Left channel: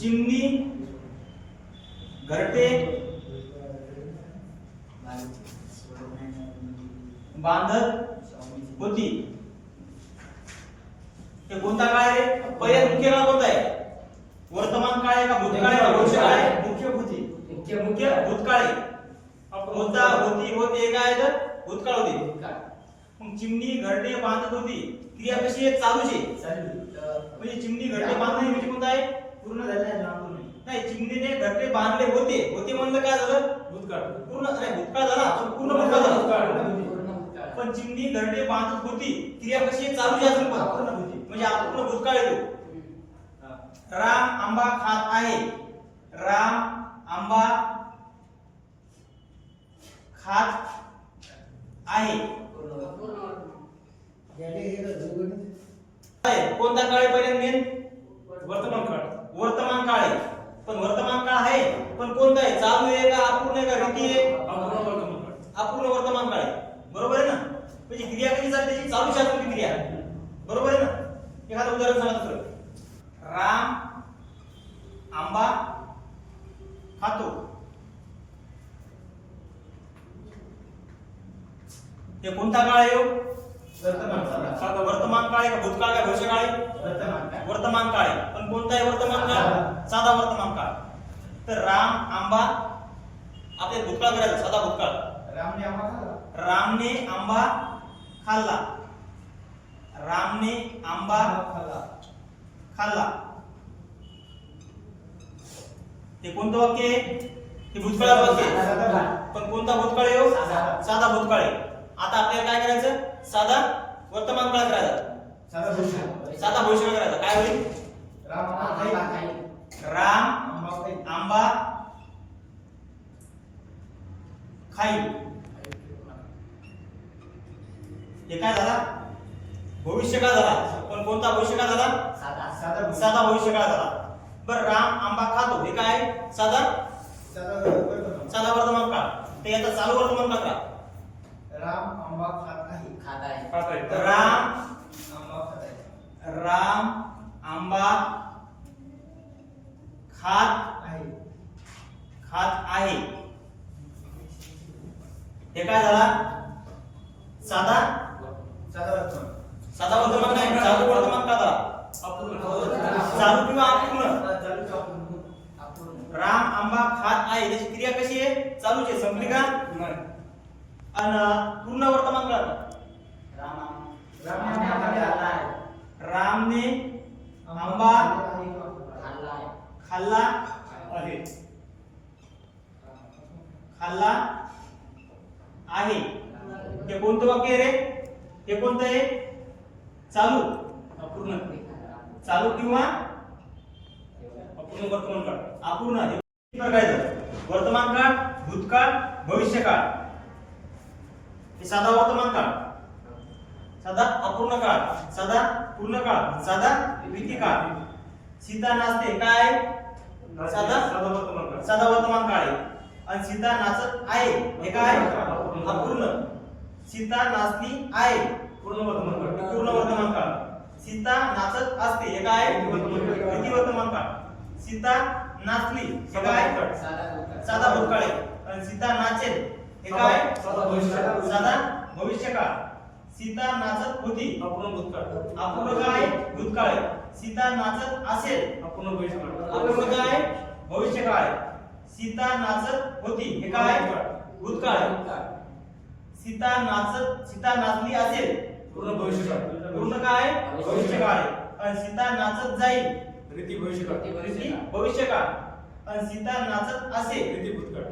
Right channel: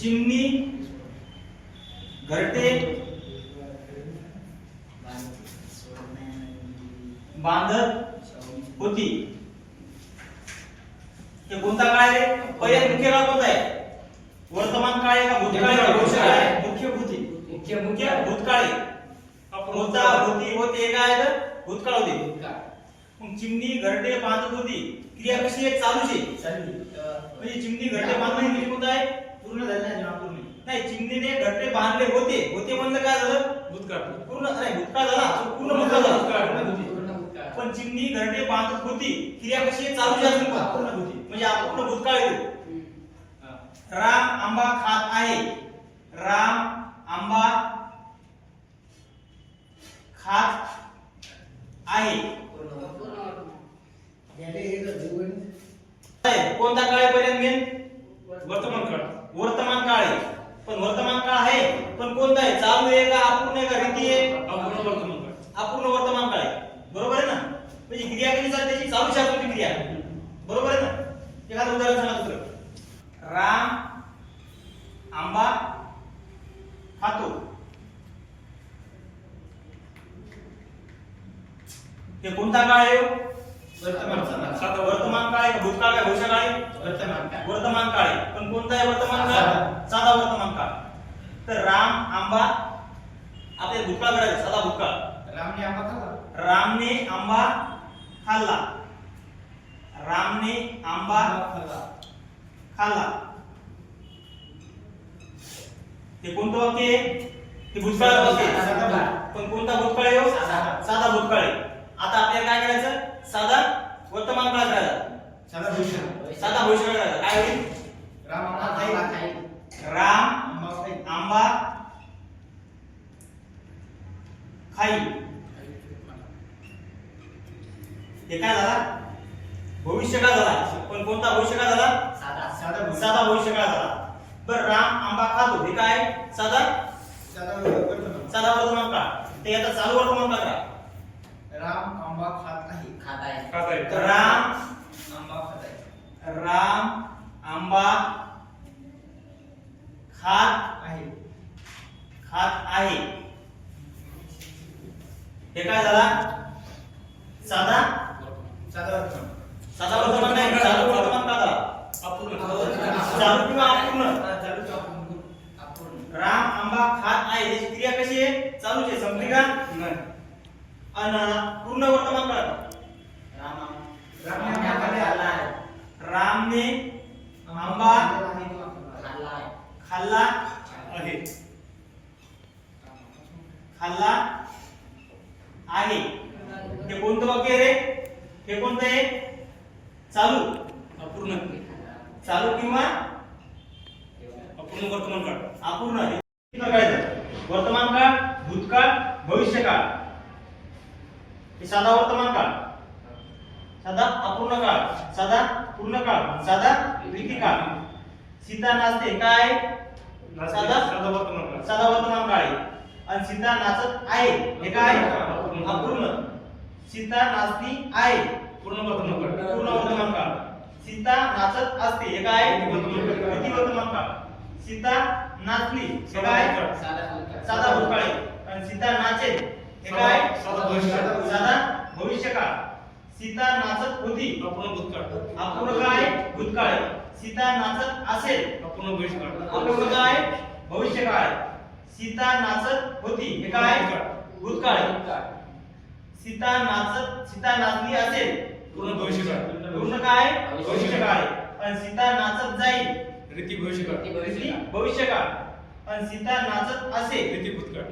चिमणी घरटे बांधत होती। हे कोणता काळ आहे? पहिला मुख्य काळ कोणता आहे? वर्तमान काळ आहे का भूतकाळ आहे का भविष्यकाळ आहे? मुख्य भूतकाळ आहे। होता होती होते काय तर भूतकाळ होते। मग चिमणी घरटे बांधत होती क्रिया कशी आहे? चालूच आहे। म्हणजे चिमणी घरटे बांधणे म्हणजे कोणता आहे? पूर्ण झालेला आहे ना? पूर्ण नाही, चिमणीने घरटे बांधले होते। होते म्हणजे काय झालं? भूतकाळ। पूर्ण नाही, भूतकाळ झाला पूर्ण भूतकाळ झाला। पण चिमणी घरटे बांधत होती क्रिया कशी आहे? चालूच आहे अजून पण पूर्ण होती म्हणजे अपूर्ण भूतकाळ येतो। राम आंबा खात आहे। राम आंबा खात आहे। कोणता काळ आहे? पहिल्यांदा मेन वर्तमान काळ। वर्तमान काळ आहे, पण वर्तमान काळ आहे पण कोणता आहे? चालू आहे का अपूर्ण आहे का रीती आहे? अपूर्ण वर्तमान काळ। अपूर्ण वर्तमान काळ आहे, बरोबर आहे ना? म्हणजे क्रिया कशी चालते? त्याची चालू शकते क्रिया, बरोबर आहे ना? एखादं उदाहरण सांगा दुसरं। राम आंबा खातो। हे कोणता काळ आहे? वर्तमान काळ। वर्तमान काळ आहे का भूतकाळ का भविष्यकाळ आहे? वर्तमान काळ। वर्तमान काळ आहे, पण कोणता आहे वर्तमान काळ? साधा वर्तमान काळ। तर राम आंबा आपले भूतकाळ करायचं, साधा भूतकाळ। रामने आंबा खाल्ला। रामने आंबा खाल्ला। रामने आंबा खाल्ला। हे कोणतं वाक्य आहे? हे भूतकाळ वाक्य आहे, पण कोणता भूतकाळ आहे? साधा भूतकाळ आहे। आता आपल्याला काय करायचं? साधा वर्तमान काळ करायचा, साधा भविष्यकाळ करायचा। काय होईल? राम आंबा खाईल। राम आंबा खाईल। हे काय झाला? भविष्यकाळ झाला, पण कोणता भविष्यकाळ झाला? साधा भविष्यकाळ झाला। बरं, राम आंबा खातो हे काय? साधा वर्तमान काळ। ते आता चालू वर्तमान काळ करा। राम आंबा खात आहे। तर राम आंबा खात आहे। हे काय झाला? साधा वर्तमान नाही, चालू वर्तमान काळ झाला। चालू किंवा अपूर्ण? राम आंबा खात आहे त्याची क्रिया कशी आहे? चालूच आहे, संपली का? नाही। आणि पूर्ण वर्तमान काळ रामने आंबा खाल्ला आहे। हे कोणतं वाक्य आहे रे? हे कोणतं आहे? चालू अपूर्ण? चालू किंवा अपूर्ण वर्तमान काळ? अपूर्ण। वर्तमान काळ, भूतकाळ, भविष्यकाळ। हे साधा वर्तमान काळ, साधा अपूर्ण काळ, साधा पूर्ण काळ, साधा रीती काळ। सीता नाचते काय? साधा वर्तमान काळ आहे। आणि सीता नाचत आहे हे काय? अपूर्ण। सीता नाचती आहे पूर्ण वर्तमान काळ। सीता नाचत असते हे काय? रीती वर्तमान काळ। सीता नाचली हे काय? साधा भूतकाळ आहे। आणि सीता नाचेल हे काय? साधा भविष्यकाळ। सीता नाचत होती अपूर्ण काय? भूतकाळ। सीता नाचत असेल अपूर्ण भविष्यकाळ, भविष्यकाळ। सीता नाचत होती हे काय? भूतकाळ। सीता नाचली असेल पूर्ण भविष्यकाळ, पूर्ण काय? भविष्यकाळ। आणि सीता नाचत जाईल रीती भविष्यकाळ। आणि सीता नाचत असेल रीती भूतकाळ।